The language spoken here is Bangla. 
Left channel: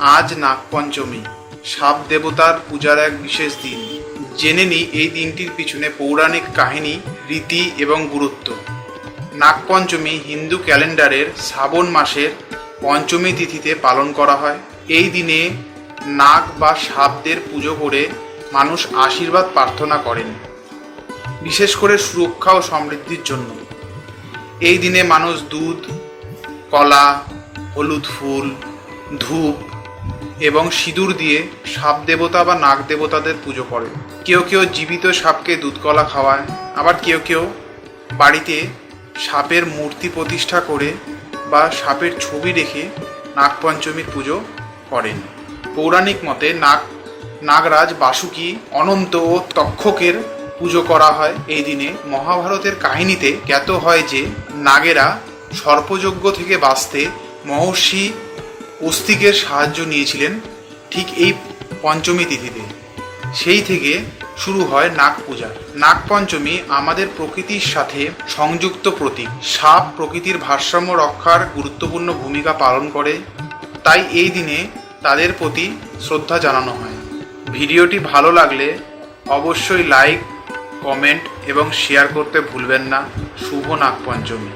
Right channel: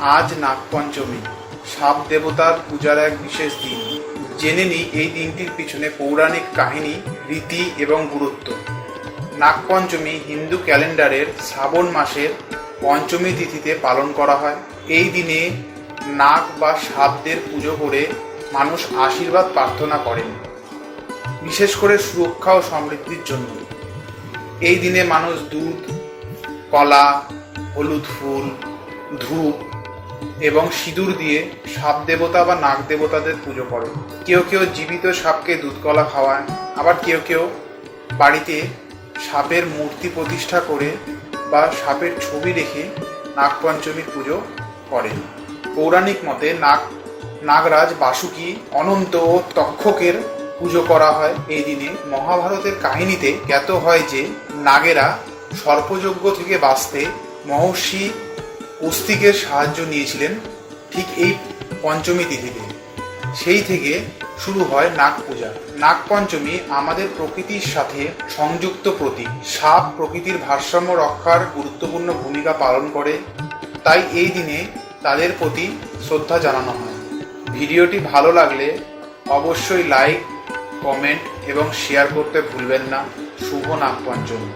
আজ নাগপঞ্চমী। সাপ দেবতার পূজার এক বিশেষ দিন। জেনে নিই এই দিনটির পিছনে পৌরাণিক কাহিনী, রীতি এবং গুরুত্ব। নাগপঞ্চমী হিন্দু ক্যালেন্ডারের শ্রাবণ মাসের পঞ্চমী তিথিতে পালন করা হয়। এই দিনে নাগ বা সাপদের পুজো করে মানুষ আশীর্বাদ প্রার্থনা করেন, বিশেষ করে সুরক্ষা ও সমৃদ্ধির জন্য। এই দিনে মানুষ দুধ, কলা, হলুদ ফুল, ধূপ এবং সিঁদুর দিয়ে সাপ দেবতা বা নাগ দেবতাদের পুজো করে। কেউ কেউ জীবিত সাপকে দুধ কলা খাওয়ান আবার কেউ কেউ বাড়িতে সাপের মূর্তি প্রতিষ্ঠা করে বা সাপের ছবি রেখে নাগপঞ্চমীর পুজো করেন পৌরাণিক মতে নাগ, নাগরাজ বাসুকি অনন্ত ও তক্ষকের পুজো করা হয় এই দিনে। মহাভারতের কাহিনীতে জ্ঞাত হয় যে নাগেরা সর্পযজ্ঞ থেকে বাঁচতে মহর্ষি অস্তিকের সাহায্য নিয়েছিলেন ঠিক এই পঞ্চমী তিথিতে। সেই থেকে শুরু হয় নাগ পূজা। নাগ পঞ্চমী আমাদের প্রকৃতির সাথে সংযুক্ত প্রতীক। সাপ প্রকৃতির ভারসাম্য রক্ষার গুরুত্বপূর্ণ ভূমিকা পালন করে। তাই এই দিনে তাদের প্রতি শ্রদ্ধা জানানো হয়। ভিডিওটি ভালো লাগলে অবশ্যই লাইক, কমেন্ট এবং শেয়ার করতে ভুলবেন না। শুভ নাগপঞ্চমী